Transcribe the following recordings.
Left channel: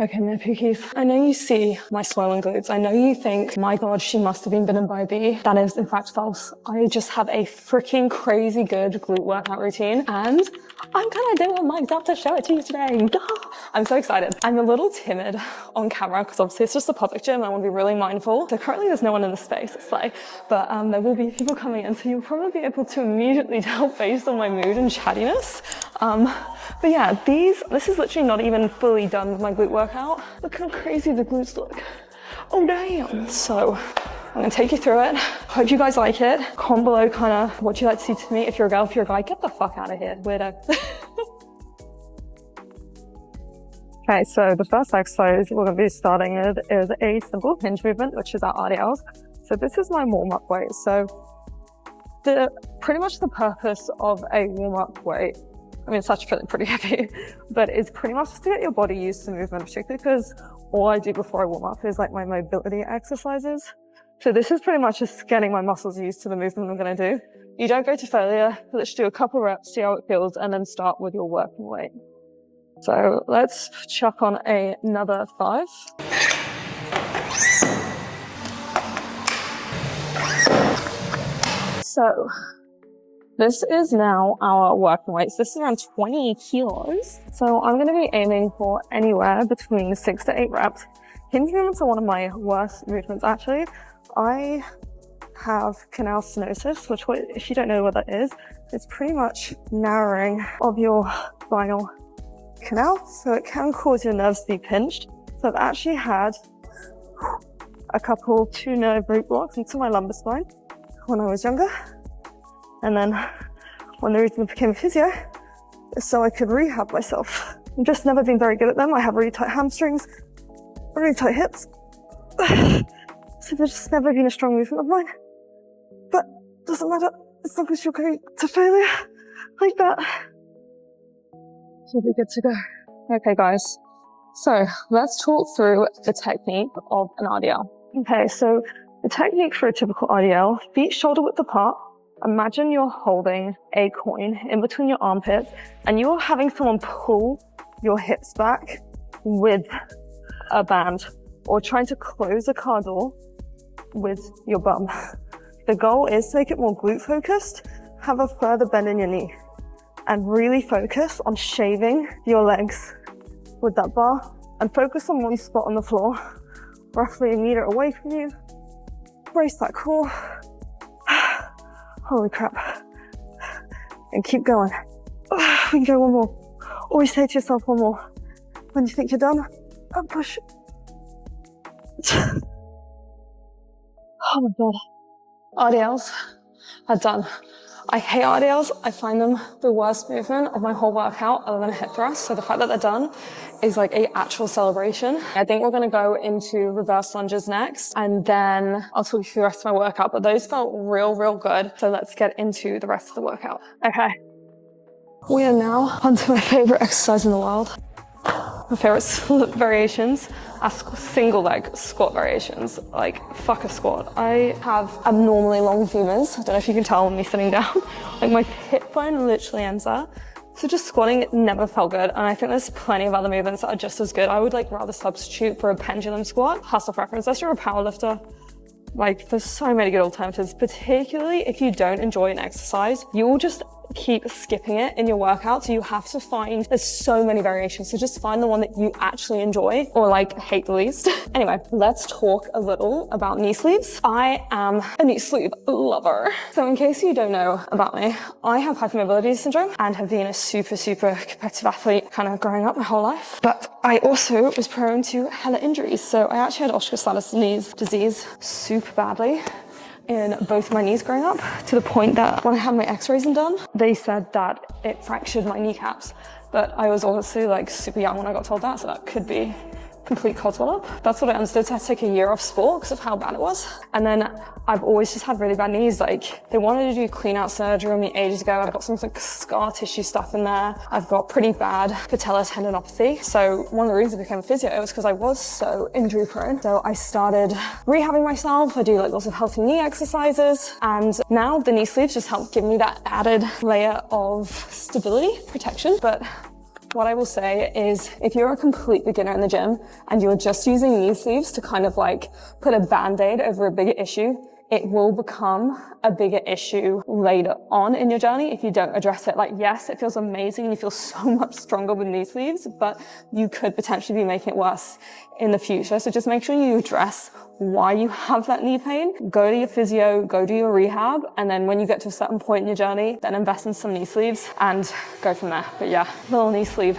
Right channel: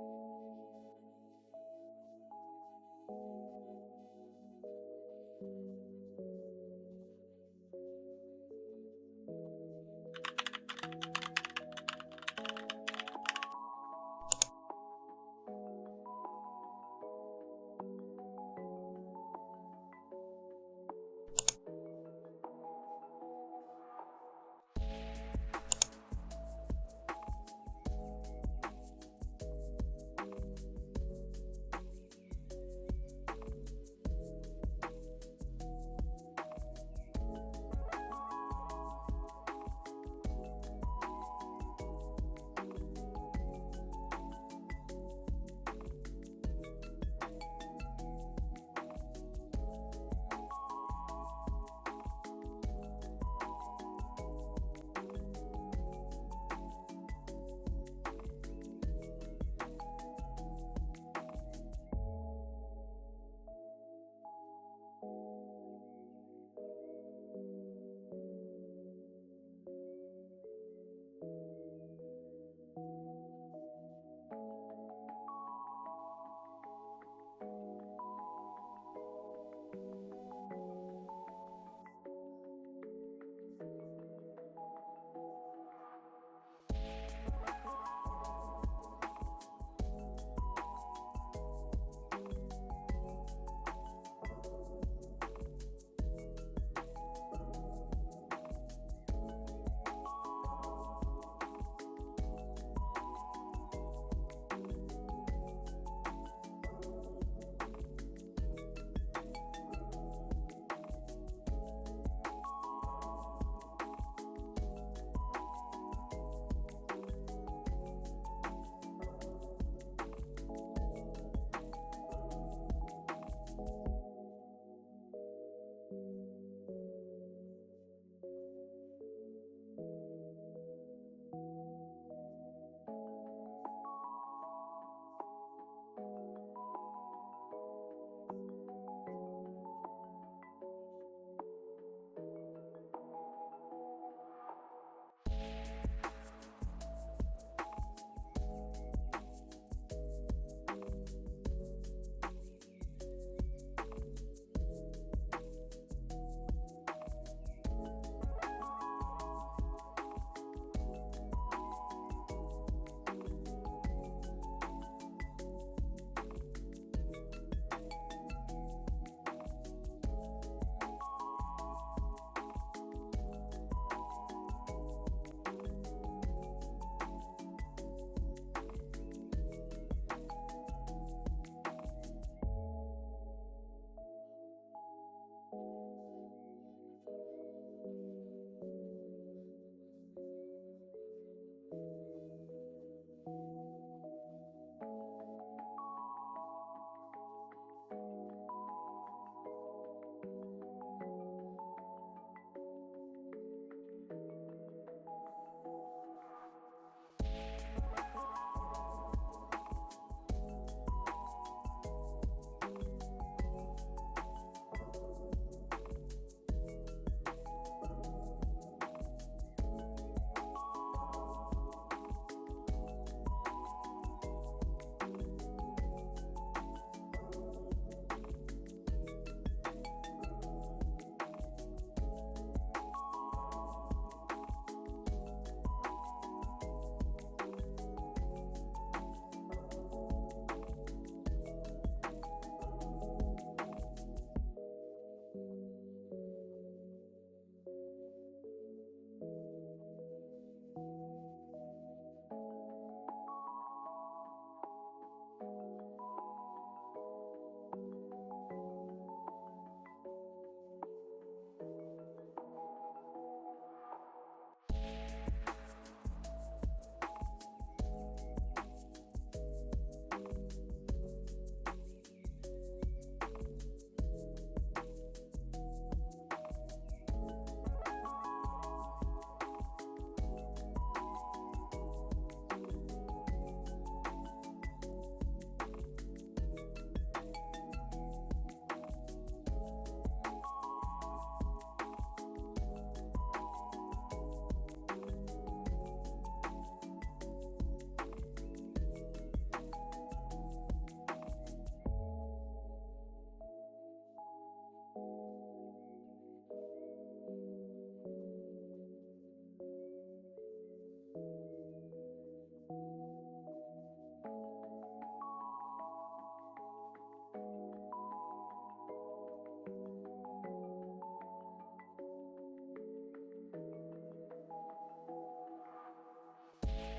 Okay, my pookies. I know you see my swollen glutes. I know you think, my God, she must have been bitten by a bee. That is in fact false. I just have a freaking crazy good glute workout routine and I'm gonna do it myself to show it to you today. I'm so excited. I'm a little timid on camera because obviously it's just a public gym and I want to be really mindful. So currently there's no one in the space, it's like, but there will be people coming in, so you'll probably be able to immediately tell based on my mood and chattiness. But yeah, this is literally not even fully done with my glute workout. Look how crazy the glutes look. Oh damn. So I'm gonna take you through it. Hope you guys like it. Comment below kind of what you like to see to me. If you're a girl, if you're a guy, get the fuck out of here, weirdo. Okay, so the first exercise we're gonna be starting with is a simple hinge movement, which is our RDLs. So this is my warm-up weight. So pretty much the purpose of a warm-up weight, I mean, it's actually pretty heavy, but it's pretty much just to get your body used to movement, particularly because all I do before I warm up is like my mobility exercises. So this is pretty much just getting my muscles used to the movement I'm gonna do. You don't go to failure, let's do a couple reps, see how it feels, and then start with your working weight. So let's chuck on another 5. So this is now our working weight. So this is around 20 kilos. So I'm gonna be aiming for anywhere between 6 to 8 reps. Hinge movements are one of my worst movements actually. I have canal stenosis, which if you don't know what that is, it's pretty much narrowing of your spinal canal. So it can cause your nerves to be pinched. So I've actually had two nerve root blocks into my lumbar spine when I was younger. And then when the reason I became a physio is so I could rehab myself. I've just never been very good at them. I have really tight hamstrings, really tight hips. So there's just never been a strong movement of mine. But it doesn't matter as long as you're going to failure like that. You'll be good to go. Okay guys, so let's talk through the technique of an RDL. Okay, so the technique for a typical RDL, feet shoulder width apart. Imagine you're holding a coin in between your armpits and you're having someone pull your hips back with a band or trying to close a car door with your bum. The goal is to make it more glute focused, have a further bend in your knee and really focus on shaving your legs with that bar and focus on one spot on the floor, roughly 1 meter away from you. Brace that core. Holy crap. And keep going. We can go one more. Always say to yourself one more. When you think you're done, and push. Oh my God. RDLs are done. I hate RDLs. I find them the worst movement of my whole workout other than a hip thrust. So the fact that they're done is like a actual celebration. I think we're gonna go into reverse lunges next and then I'll talk you through the rest of my workout, but those felt real good. So let's get into the rest of the workout. Okay. We are now onto my favorite exercise in the world. My favorite variations are single leg squat variations. Like, fuck a squat. I have abnormally long femurs. I don't know if you can tell me sitting down. Like my hip bone literally ends there. So just squatting never felt good. And I think there's plenty of other movements that are just as good. I would like rather substitute for a pendulum squat. Hustle preference, unless you're a power lifter. Like there's so many good alternatives, particularly if you don't enjoy an exercise, you will just keep skipping it in your workout. So you have to find, there's so many variations. So just find the one that you actually enjoy or like hate the least. Anyway, let's talk a little about knee sleeves. I am a knee sleeve lover. So in case you don't know about me, I have hypermobility syndrome and have been a super competitive athlete kind of growing up my whole life. But I also was prone to hella injuries. So I actually had osteoarthritis disease super badly in both my knees growing up, to the point that when I had my x-rays done, they said that it fractured my kneecaps. But I was obviously like super young when I got told that, so that could be complete codswell up. That's what I understood. So I had to take a year off sport because of how bad it was. And then I've always just had really bad knees. Like they wanted to do clean out surgery on me ages ago. I've got some like scar tissue stuff in there. I've got pretty bad patella tendinopathy. So one of the reasons I became a physio was because I was so injury prone. So I started rehabbing myself. I do like lots of healthy knee exercises. And now the knee sleeves just help give me that added layer of stability, protection. But What I will say is if you're a complete beginner in the gym and you're just using knee sleeves to kind of like put a band-aid over a bigger issue, it will become a bigger issue later on in your journey if you don't address it. Like, yes, it feels amazing and you feel so much stronger with knee sleeves, but you could potentially be making it worse in the future. So just make sure you address why you have that knee pain. Go to your physio, go do your rehab, and then when you get to a certain point in your journey, then invest in some knee sleeves and go from there. But yeah, little knee sleeve.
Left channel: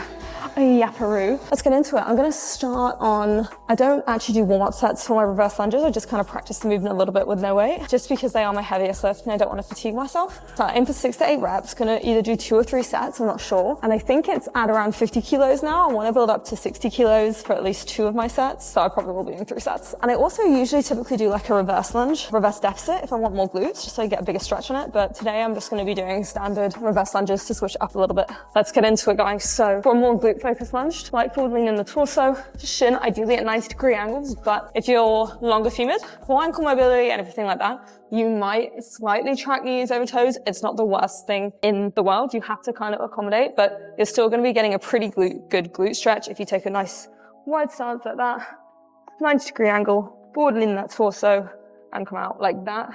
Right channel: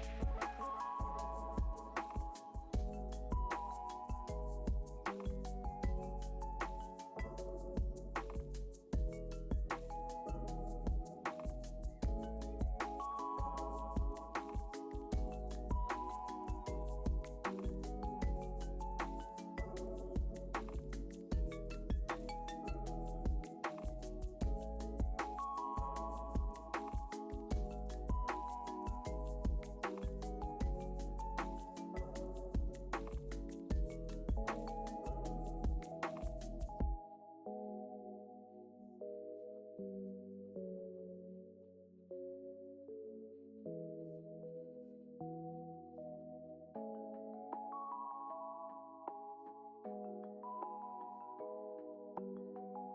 Yapparoo. Let's get into it. I'm gonna start on, I don't actually do warm-up sets for my reverse lunges. I just kind of practice the movement a little bit with no weight, just because they are my heaviest lift and I don't want to fatigue myself. So I aim for 6 to 8 reps, gonna either do 2 or 3 sets, I'm not sure. And I think it's at around 50 kilos now. I want to build up to 60 kilos for at least 2 of my sets. So I probably will be doing 3 sets. And I also usually typically do like a reverse lunge, reverse deficit if I want more glutes, just so I get a bigger stretch on it. But today I'm just gonna be doing standard reverse lunges to switch up a little bit. Let's get into it, guys. So for a more glute focused lunge, light forward lean in the torso, shin ideally at 90-degree angles, but if you're longer femored, for ankle mobility and everything like that, you might slightly track knees over toes. It's not the worst thing in the world. You have to kind of accommodate, but you're still gonna be getting a pretty good glute stretch if you take a nice wide stance like that, 90-degree angle, forward lean in that torso, and come out like that.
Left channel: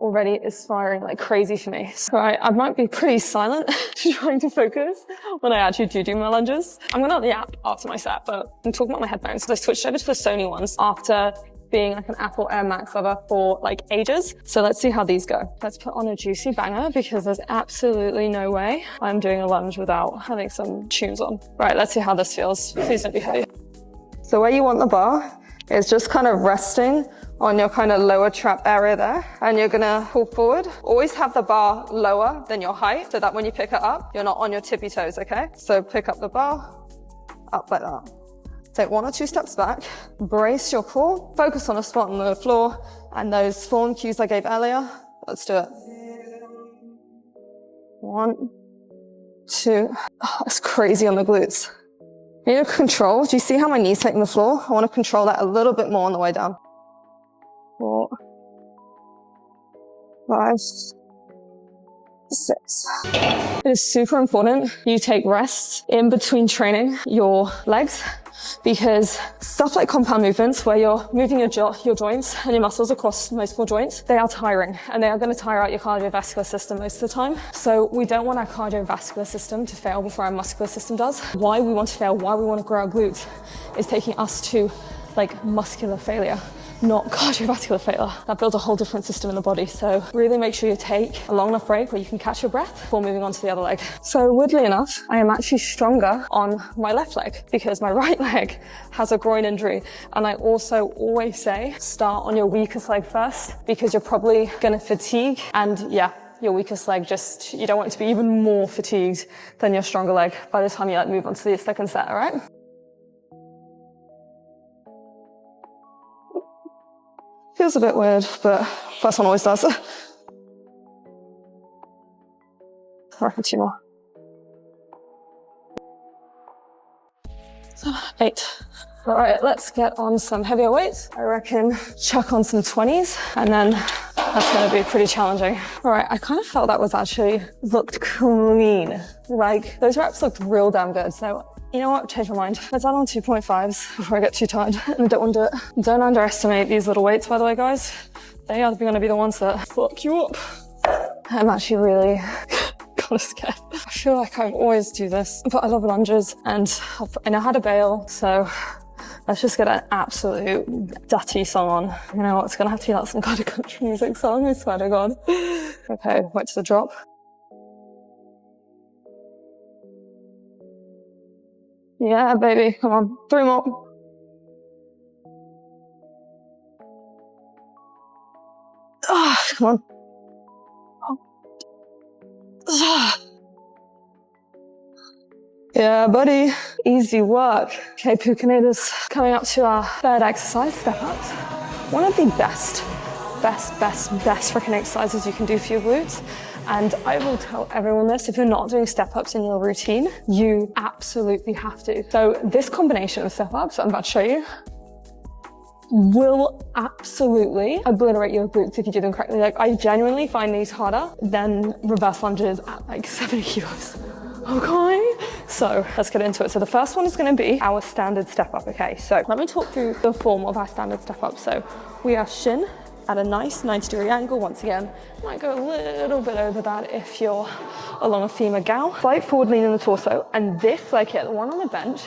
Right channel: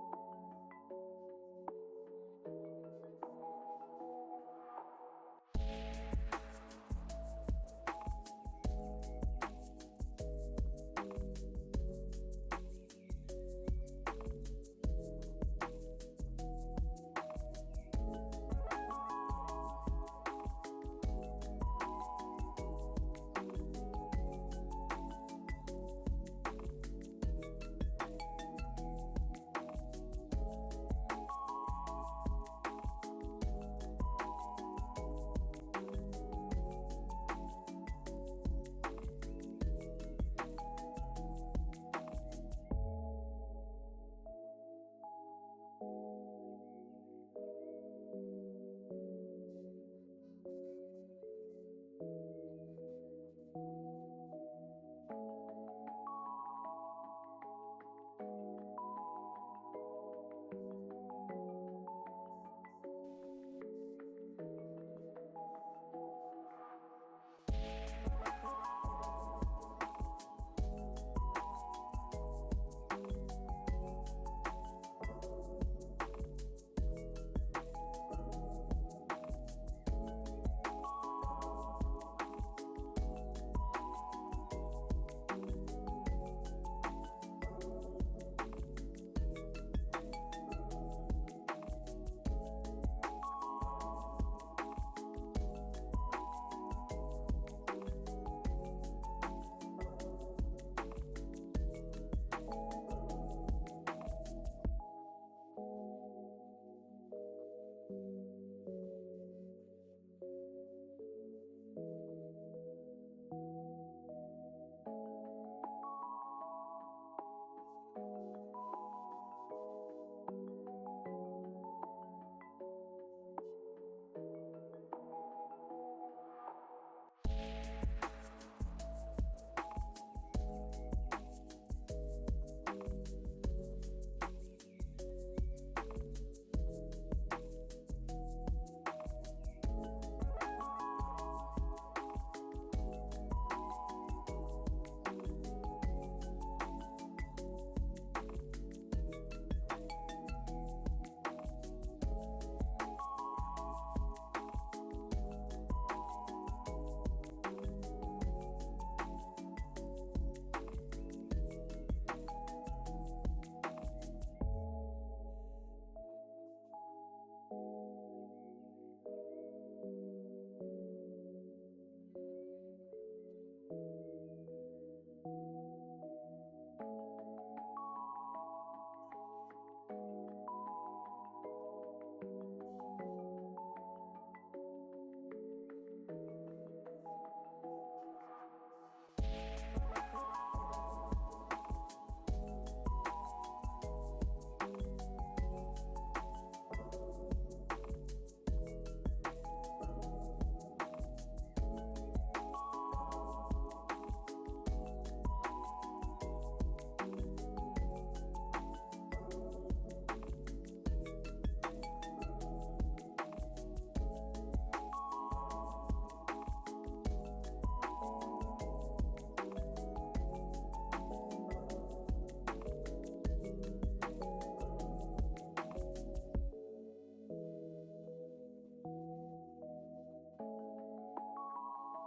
Already is firing like crazy for me. So I might be pretty silent trying to focus when I actually do my lunges. I'm gonna yap after my set, but I'm talking about my headphones. So I switched over to the Sony ones after being like an Apple Air Max lover for like ages. So let's see how these go. Let's put on a juicy banger because there's absolutely no way I'm doing a lunge without having some tunes on. Right, let's see how this feels. Please don't be heavy. So where you want the bar is just kind of resting on your kind of lower trap area there, and you're gonna pull forward. Always have the bar lower than your height so that when you pick it up, you're not on your tippy toes, okay? So pick up the bar, up like that. Take 1 or 2 steps back, brace your core, focus on a spot on the floor, and those form cues I gave earlier. Let's do it. 1, 2, oh, it's crazy on the glutes. I need to control, do you see how my knee's hitting the floor? I wanna control that a little bit more on the way down. 4, 5, 6. It is super important you take rests in between training your legs, because stuff like compound movements where you're moving your joints and your muscles across multiple joints, they are tiring and they are going to tire out your cardiovascular system most of the time. So we don't want our cardiovascular system to fail before our muscular system does. Why we want to fail, why we want to grow our glutes is taking us to like muscular failure, not cardiovascular failure. That builds a whole different system in the body. So really make sure you take a long enough break where you can catch your breath before moving on to the other leg. So weirdly enough, I am actually stronger on my left leg because my right leg has a groin injury. And I also always say, start on your weakest leg first because you're probably gonna fatigue, and yeah, your weakest leg, just, you don't want it to be even more fatigued than your stronger leg by the time you move on to the second set, all right? Feels a bit weird, but first one always does. I reckon 2 more. 8. All right, let's get on some heavier weights. I reckon chuck on some 20s, and then that's gonna be pretty challenging. All right, I kind of felt that was actually looked clean. Like, those reps looked real damn good. So you know what, change my mind. Let's add on 2.5s before I get too tired and I don't want to do it. Don't underestimate these little weights, by the way, guys. They are gonna be the ones that fuck you up. I'm actually really kind of scared. I feel like I always do this, but I love lunges and I know how to bail, so let's just get an absolute dirty song on. You know what, it's gonna have to be like some kind of country music song, I swear to God. Okay, wait to the drop. Yeah, baby, come on, 3 more. Ah, come on. Ah. Yeah, buddy, easy work. Okay, Pookinators, coming up to our third exercise, step ups. One of the best freaking exercises you can do for your glutes. And I will tell everyone this, if you're not doing step-ups in your routine, you absolutely have to. So this combination of step-ups I'm about to show you will absolutely obliterate your glutes if you do them correctly. Like, I genuinely find these harder than reverse lunges at like 70 kilos. Okay, so So let's get into it. So the first one is going to be our standard step up, okay? So let me talk through the form of our standard step up. So we are shin at a nice 90-degree angle. Once again, might go a little bit over that if you're along a femur gal. Slight forward lean in the torso, and this leg here, the one on the bench,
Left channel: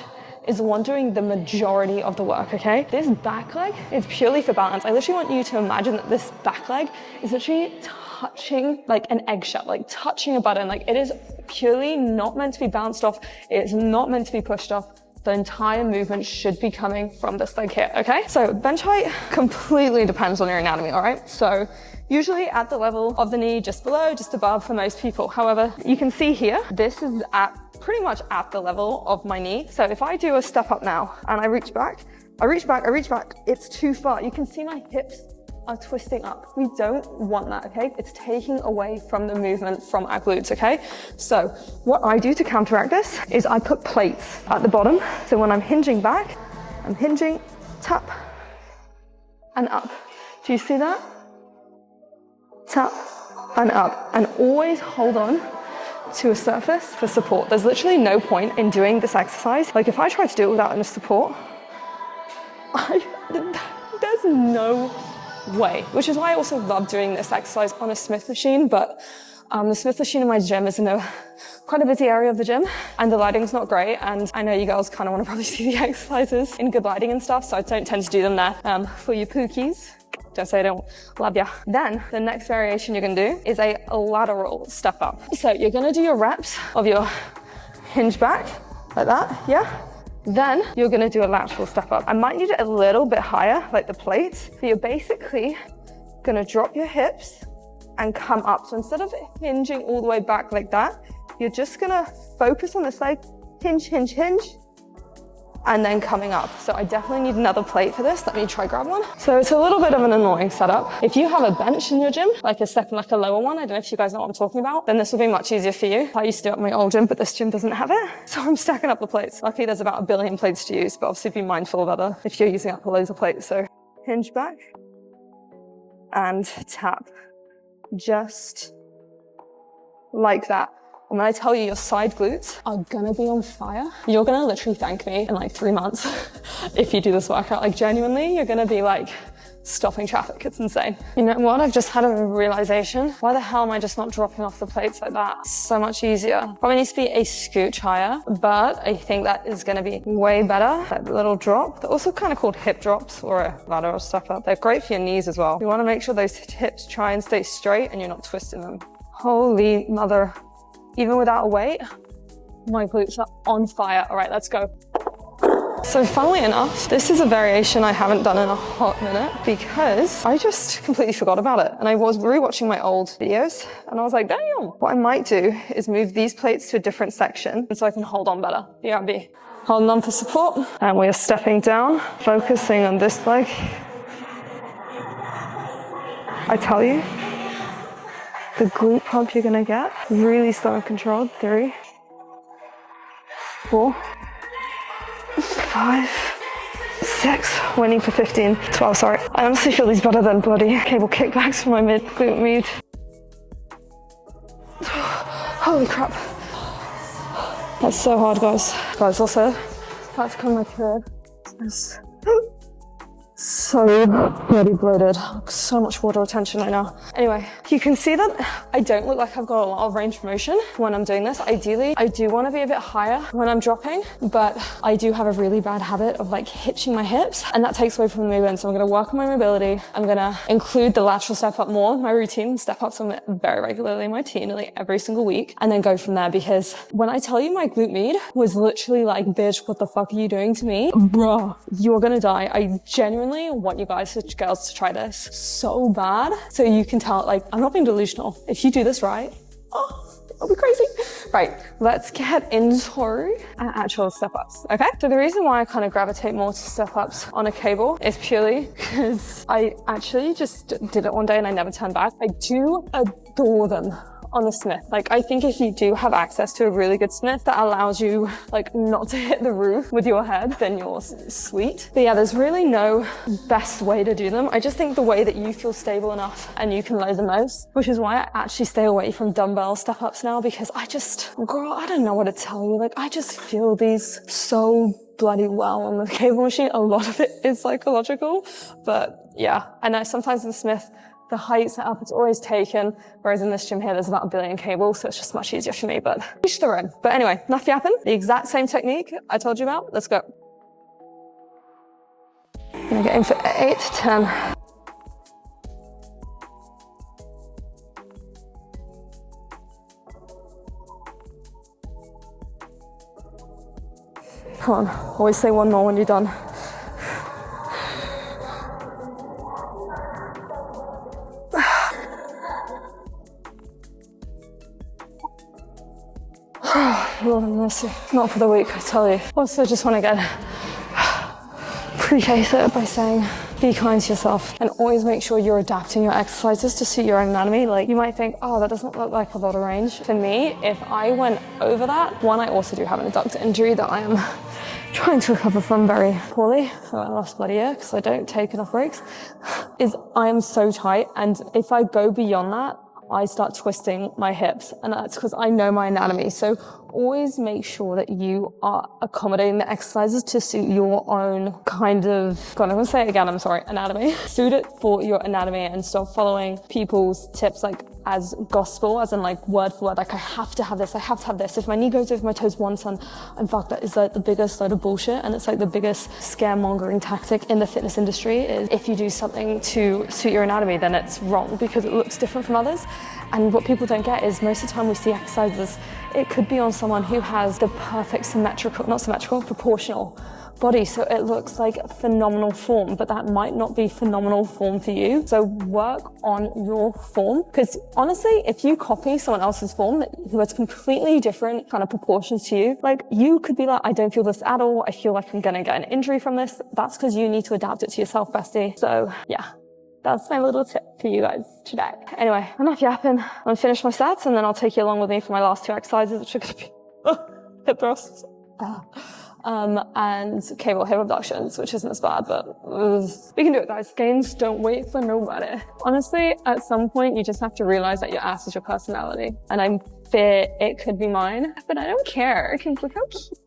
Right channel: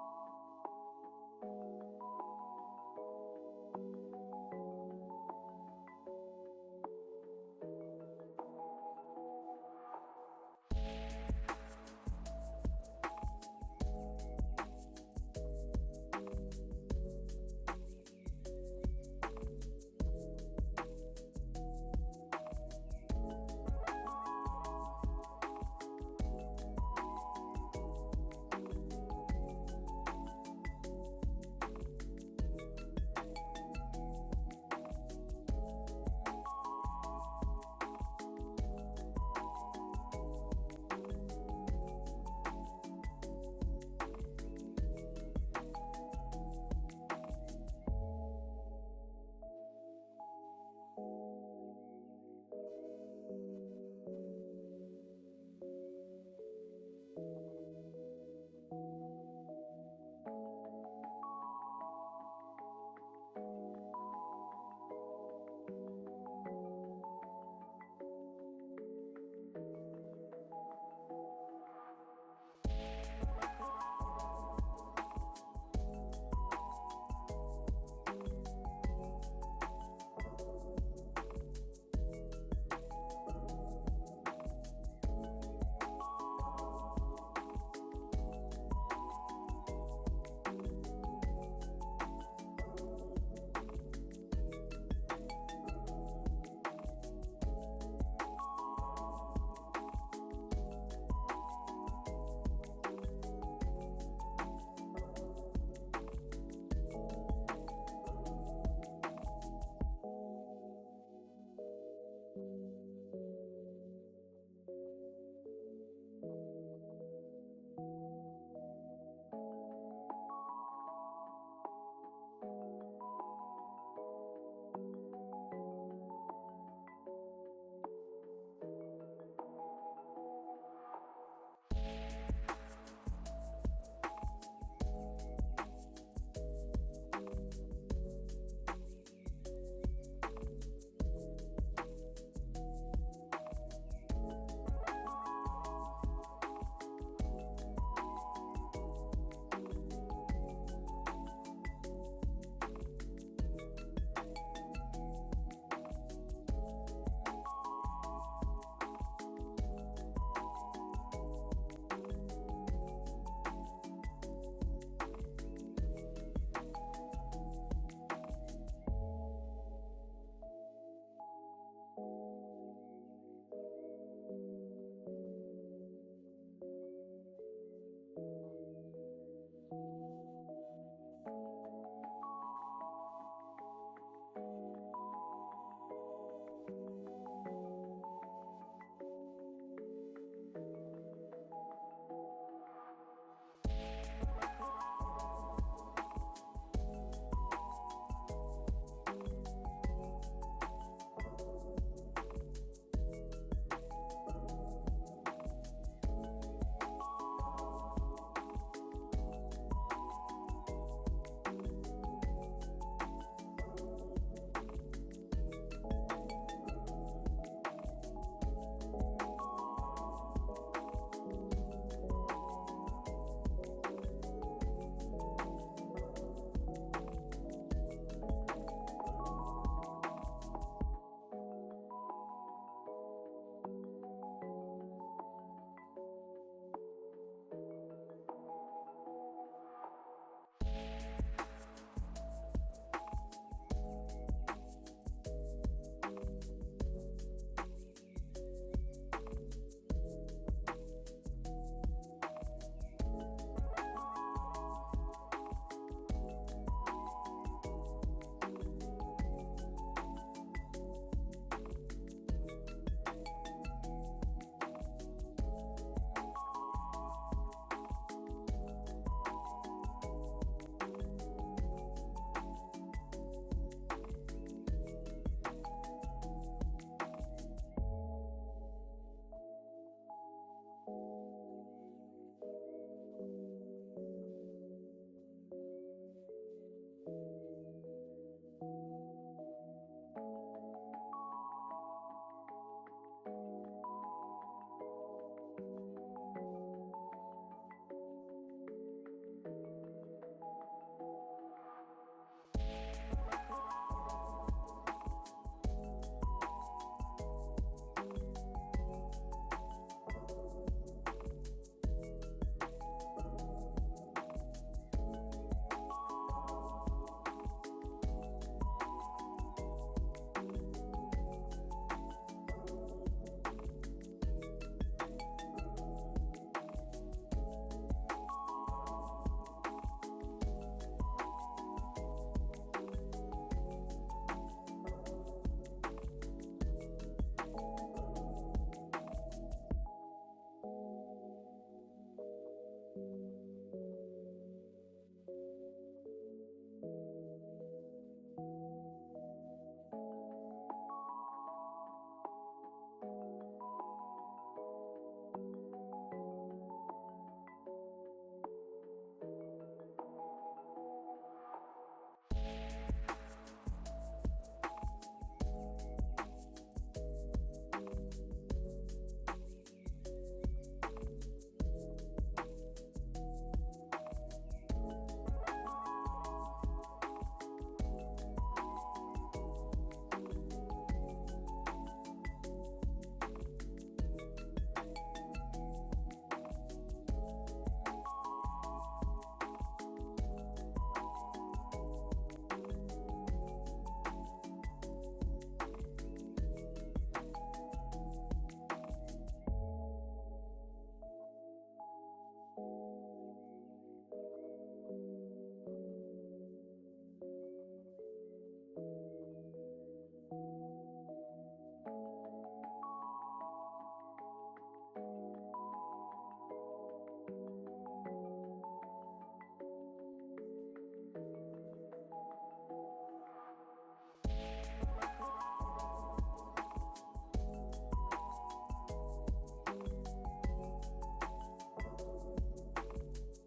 is the one doing the majority of the work, okay? This back leg is purely for balance. I literally want you to imagine that this back leg is literally touching like an eggshell, like touching a button. Like it is purely not meant to be bounced off. It's not meant to be pushed off. The entire movement should be coming from this leg here, okay? So bench height completely depends on your anatomy, all right? So usually at the level of the knee, just below, just above for most people. However, you can see here, this is at pretty much at the level of my knee. So if I do a step up now and I reach back, it's too far. You can see my hips are twisting up. We don't want that, okay? It's taking away from the movement from our glutes, okay? So what I do to counteract this is I put plates at the bottom. So when I'm hinging back, I'm hinging, tap, and up. Do you see that? Tap and up, and always hold on to a surface for support. There's literally no point in doing this exercise. Like if I try to do it without any support, there's no way, which is why I also love doing this exercise on a Smith machine. But the Smith machine in my gym is in quite a busy area of the gym, and the lighting's not great, and I know you girls kind of want to probably see the exercises in good lighting and stuff, so I don't tend to do them there. For you pookies, don't say I don't love ya. Then the next variation you're gonna do is a lateral step up. So you're gonna do your reps of your hinge back like that, yeah? Then you're gonna do a lateral step up. I might need it a little bit higher, like the plates. So you're basically gonna drop your hips and come up. So instead of hinging all the way back like that, you're just gonna focus on this leg, hinge, hinge, hinge, and then coming up. So I definitely need another plate for this. Let me try grab one. So it's a little bit of an annoying setup. If you have a bench in your gym, like a lower one, I don't know if you guys know what I'm talking about, then this will be much easier for you. I used to do it at my old gym, but this gym doesn't have it. So I'm stacking up the plates. Luckily there's about 1 billion plates to use, but obviously be mindful of other if you're using up loads of plates. So hinge back and tap, just like that. And when I tell you your side glutes are gonna be on fire, you're gonna literally thank me in like 3 months if you do this workout. Like genuinely, you're gonna be like stopping traffic. It's insane. You know what? I've just had a realization. Why the hell am I just not dropping off the plates like that? It's so much easier. Probably needs to be a scooch higher, but I think that is gonna be way better. That little drop. They're also kind of called hip drops or a lateral step up. They're great for your knees as well. You wanna make sure those hips try and stay straight and you're not twisting them. Holy mother. Even without a weight, my glutes are on fire. All right, let's go. So funnily enough, this is a variation I haven't done in a hot minute because I just completely forgot about it. And I was rewatching my old videos and I was like, damn, what I might do is move these plates to a different section so I can hold on better. BRB. Holding on for support. And we are stepping down, focusing on this leg. I tell you, the glute pump you're gonna get, really slow and controlled. 3, 4, 5, 6, waiting for 15, 12, sorry. I honestly feel these better than bloody cable kickbacks for my glute med. Holy crap. That's so hard, guys. Guys, also, about to come my period. So bloody bloated, so much water retention right now. Anyway, you can see that I don't look like I've got a lot of range of motion when I'm doing this. Ideally, I do want to be a bit higher when I'm dropping, but I do have a really bad habit of like hitching my hips, and that takes away from the movement. So I'm going to work on my mobility. I'm going to include the lateral step up more in my routine, step ups on it very regularly in my routine, nearly every single week, and then go from there. Because when I tell you my glute med was literally like, bitch, what the fuck are you doing to me? Bruh, you're gonna die. I genuinely want you guys, girls, to try this so bad, so you can tell, like, I'm not being delusional. If you do this right, oh, I'll be crazy. Right, let's get into our actual step-ups, okay? So the reason why I kind of gravitate more to step-ups on a cable is purely because I actually just did it one day and I never turned back. I do adore them on the Smith. Like, I think if you do have access to a really good Smith that allows you like not to hit the roof with your head, then you're sweet. But yeah, there's really no best way to do them. I just think the way that you feel stable enough and you can load the most, which is why I actually stay away from dumbbell step ups now, because girl, I don't know what to tell you. Like, I just feel these so bloody well on the cable machine. A lot of it is psychological, but yeah. I know sometimes in Smith, the height setup is always taken, whereas in this gym here, there's about 1 billion cables, so it's just much easier for me, but each their own. But anyway, enough yapping. The exact same technique I told you about. Let's go. I'm gonna get in for 8 to 10. Come on, always say one more when you're done. Lord have mercy. Not for the weak, I tell you. Also, just want to get preface it by saying, be kind to yourself and always make sure you're adapting your exercises to suit your own anatomy. Like, you might think, oh, that doesn't look like a lot of range. For me, if I went over that, one, I also do have an adductor injury that I am trying to recover from very poorly for my last bloody year because I don't take enough breaks, is I am so tight, and if I go beyond that, I start twisting my hips, and that's because I know my anatomy. So always make sure that you are accommodating the exercises to suit your own kind of, God, I'm gonna say it again, I'm sorry, anatomy. Suit it for your anatomy and stop following people's tips like as gospel, as in like word for word, like I have to have this, I have to have this. If my knee goes over my toes once, I'm fucked. That is like the biggest load of bullshit, and it's like the biggest scaremongering tactic in the fitness industry is if you do something to suit your anatomy, then it's wrong because it looks different from others. And what people don't get is most of the time we see exercises, it could be on someone who has the perfect proportional body, so it looks like phenomenal form, but that might not be phenomenal form for you. So work on your form, because honestly, if you copy someone else's form who has completely different kind of proportions to you, like you could be like, I don't feel this at all, I feel like I'm gonna get an injury from this. That's because you need to adapt it to yourself, bestie. So yeah. That's my little tip for you guys today. Anyway, enough yapping. I'm gonna finish my sets and then I'll take you along with me for my last 2 exercises, which are gonna be hip thrusts and cable hip abductions, which isn't as bad, but we can do it, guys. Gains don't wait for nobody. Honestly, at some point, you just have to realize that your ass is your personality. And I fear it could be mine, but I don't care, because look how cute.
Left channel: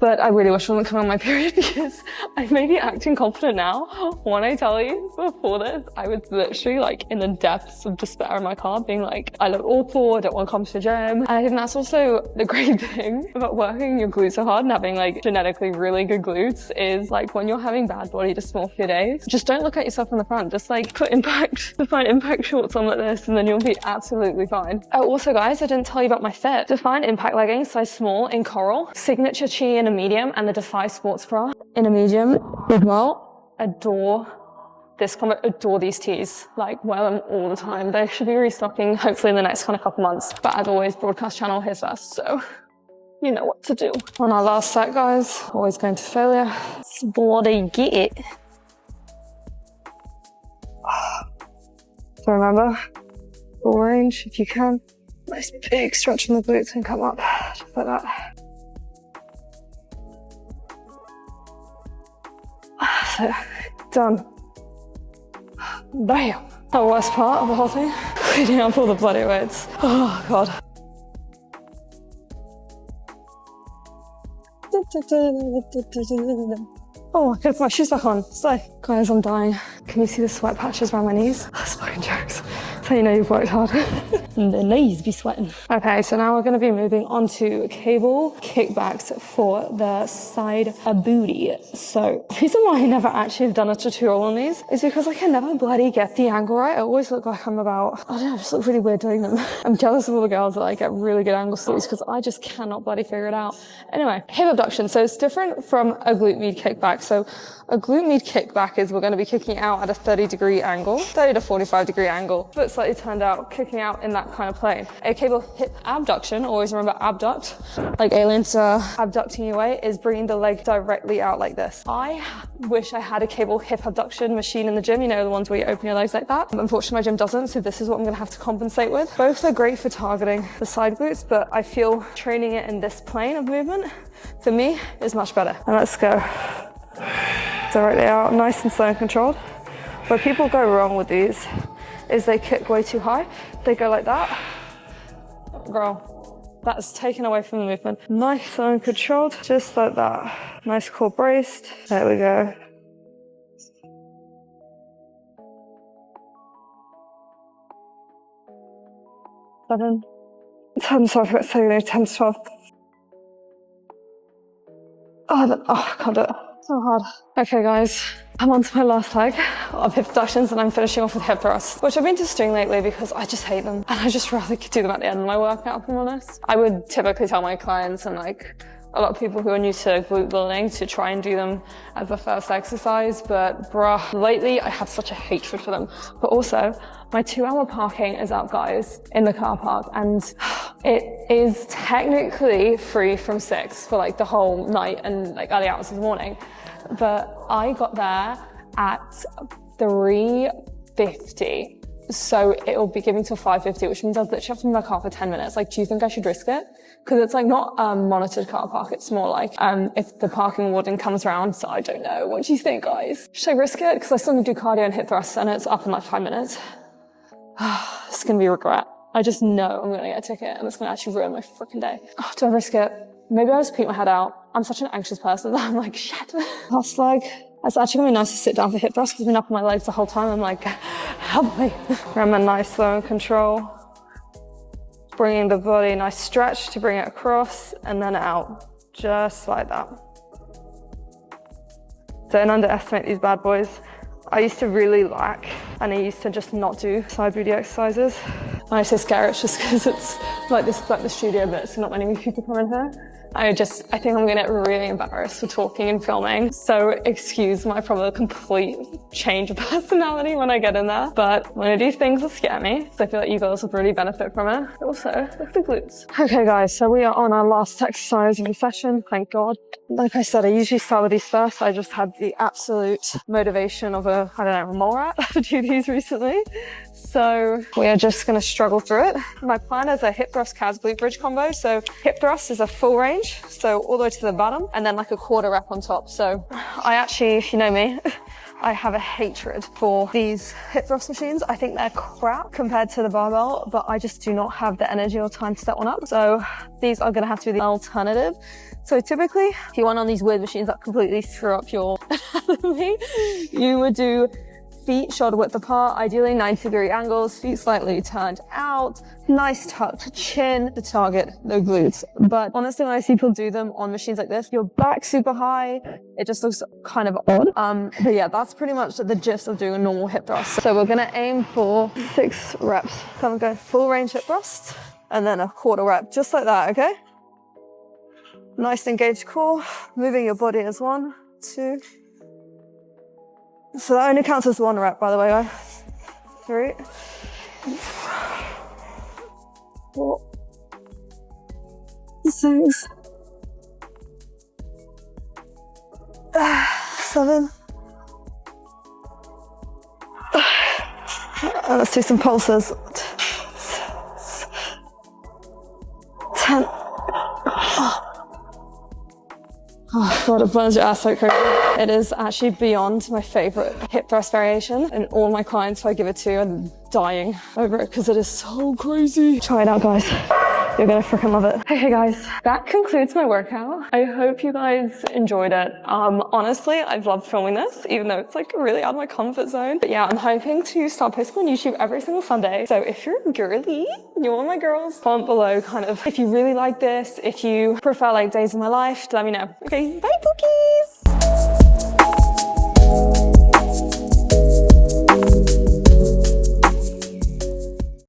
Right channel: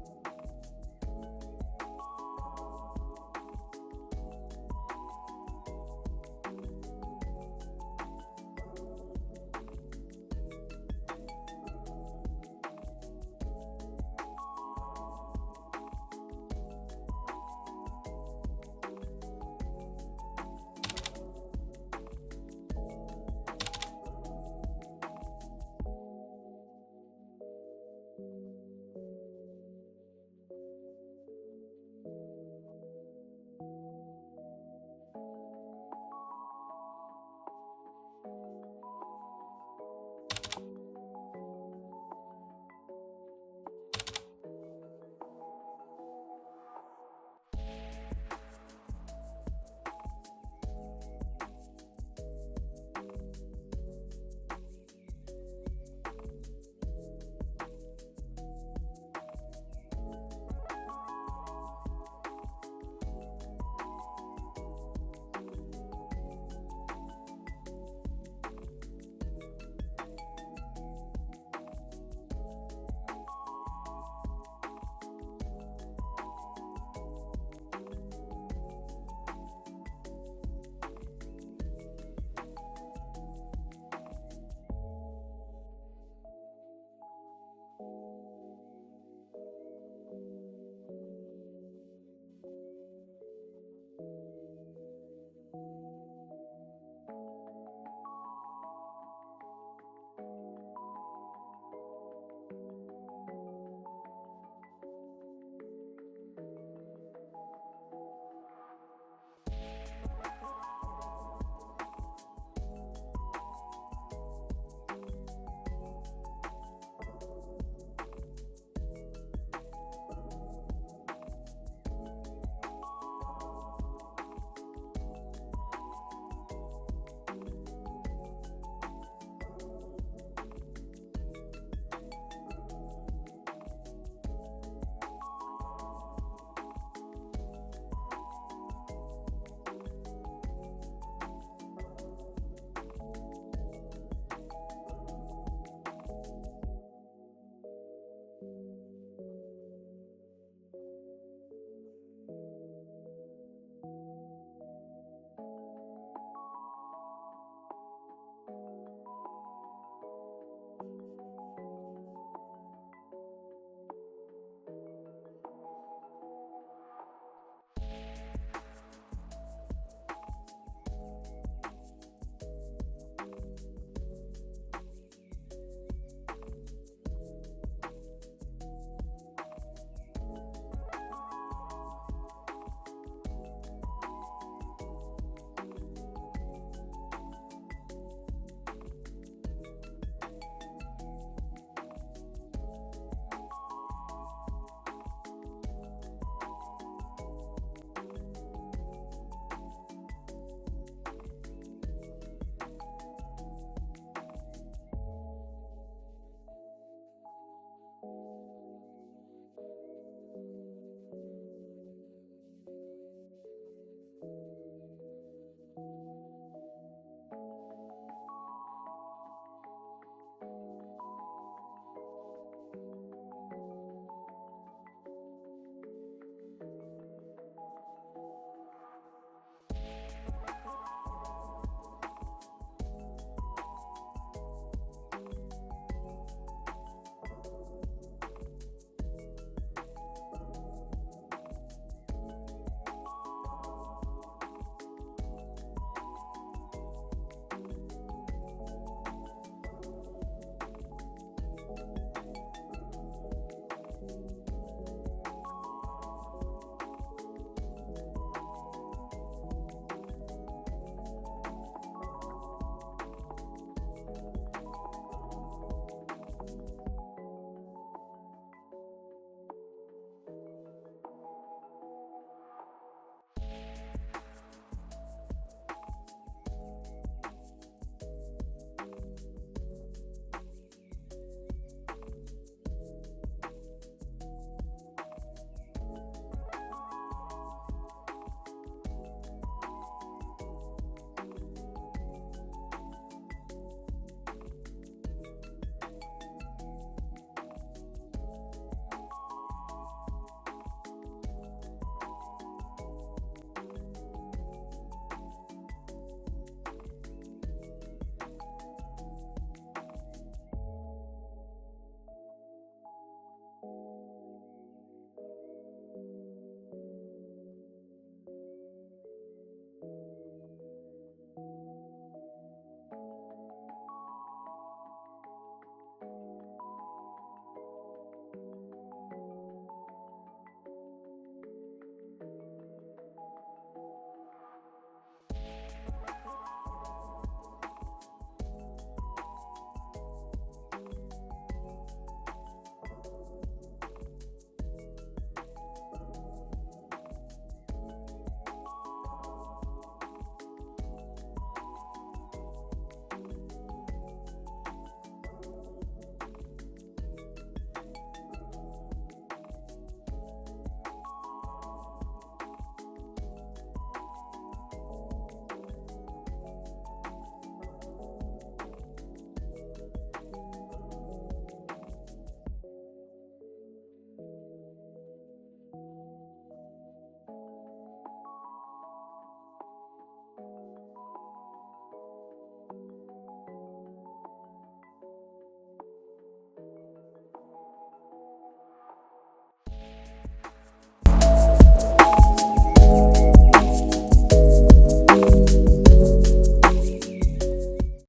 But I really wish I wasn't coming on my period because I may be acting confident now. When I tell you, before this, I was literally like in the depths of despair in my car, being like, I look awful, I don't want to come to the gym. And I think that's also the great thing about working your glutes so hard and having like genetically really good glutes is like when you're having bad body dysmorphia days, just don't look at yourself in the front. Just like put impact, define impact shorts on like this, and then you'll be absolutely fine. Oh, also guys, I didn't tell you about my fit. Define impact leggings, size small in coral, signature chi in a medium, and the Defy sports bra in a medium as well. Adore this combo, adore these tees, like wear them all the time. They should be restocking hopefully in the next kind of couple months, but as always, broadcast channel here's first, so you know what to do. On our last set, guys, always going to failure. It's bloody get it. So remember, full range if you can. Nice big stretch in the glutes and come up, just like that. So, done. Bam. The worst part of the whole thing, cleaning up all the bloody weights. Oh God. Oh, I could put my shoes back on. So, guys, I'm dying. Can you see the sweat patches around my knees? That's fucking jokes. That's how you know you've worked hard. And the knees be sweating. Okay, so now we're gonna be moving on to cable kickbacks for the side booty. So, the reason why I never actually have done a tutorial on these is because I can never bloody get the angle right. I always look like I'm about, I don't know, I just look really weird doing them. I'm jealous of all the girls that like get really good angles to these because I just cannot bloody figure it out. Anyway, hip abduction. So it's different from a glute med kickback. So a glute med kickback is we're going to be kicking out at a 30 to 45 degree angle. But slightly turned out, kicking out in that kind of plane. A cable hip abduction, always remember abduct, like aliens are abducting you away, is bringing the leg directly out like this. I wish I had a cable hip abduction machine in the gym, you know, the ones where you open your legs like that. Unfortunately, my gym doesn't, so this is what I'm gonna have to compensate with. Both are great for targeting the side glutes, but I feel training it in this plane of movement, for me, is much better. And let's go. Directly out, nice and slow and controlled. Where people go wrong with these is they kick way too high. They go like that. Girl, that's taken away from the movement. Nice, slow and controlled, just like that. Nice core braced. There we go. Seven, 10, sorry, I forgot to say, 10 to 12. Oh, I can't do it. So hard. Okay, guys, I'm on to my last leg of hip abductions and I'm finishing off with hip thrusts, which I've been just doing lately because I just hate them and I just rather do them at the end of my workout, if I'm honest. I would typically tell my clients and like a lot of people who are new to glute building to try and do them as the first exercise, but bruh, lately I have such a hatred for them. But also, my 2-hour parking is up, guys, in the car park, and it is technically free from 6 for like the whole night and like early hours of the morning. But I got there at 3:50. So it'll be giving till 5:50, which means I'll literally have to be in my car for 10 minutes. Like, do you think I should risk it? Because it's like not a monitored car park. It's more like if the parking warden comes around. So I don't know. What do you think, guys? Should I risk it? Because I still need to do cardio and hip thrusts and it's up in like 5 minutes. It's going to be a regret. I just know I'm going to get a ticket and it's going to actually ruin my freaking day. Oh, do I risk it? Maybe I'll just peek my head out. I'm such an anxious person that I'm like, shit. Last leg. It's actually going to be nice to sit down for hip thrusts because I've been up on my legs the whole time. I'm like, help me. Remember, nice, slow and control. Bringing the body, nice stretch to bring it across and then out. Just like that. Don't underestimate these bad boys. I used to really lack and I used to just not do side booty exercises. When I say scare, it's just because it's like this is like the studio bit, so not many people come in here. I think I'm gonna get really embarrassed for talking and filming. So excuse my probably complete change of personality when I get in there. But I'm gonna do things that scare me, so I feel like you girls would really benefit from it. Also, look at the glutes. Okay guys, so we are on our last exercise of the session, thank God. Like I said, I usually start with these first. I just had the absolute motivation of a, I don't know, a mole rat to do these recently. So we are just gonna struggle through it. My plan is a hip thrust calves glute bridge combo. So hip thrust is a full range, so all the way to the bottom, and then like a quarter rep on top. So I actually, if you know me, I have a hatred for these hip thrust machines. I think they're crap compared to the barbell, but I just do not have the energy or time to set one up. So these are gonna have to be the alternative. So typically, if you want on these weird machines that completely screw up your anatomy, you would do feet shoulder width apart, ideally 90-degree angles, feet slightly turned out, nice tucked chin to target the glutes. But honestly, when I see people do them on machines like this, your back super high, it just looks kind of odd. But yeah, that's pretty much the gist of doing a normal hip thrust. So we're gonna aim for 6 reps. Come and go full range hip thrust, and then a quarter rep, just like that, okay? Nice engaged core, moving your body as 1, 2. So that only counts as 1 rep, by the way, guys. 3, 4, 6, 7. Let's do some pulses. 10. Oh God, it burns your ass like crazy. It is actually beyond my favorite hip thrust variation, and all my clients who I give it to are dying over it because it is so crazy. Try it out, guys. You're gonna freaking love it. Okay guys, that concludes my workout. I hope you guys enjoyed it. Honestly, I've loved filming this, even though it's like really out of my comfort zone. But yeah, I'm hoping to start posting on YouTube every single Sunday. So if you're a girly, you're one of my girls, comment below kind of if you really like this, if you prefer like days of my life, let me know. Okay, bye Pookie!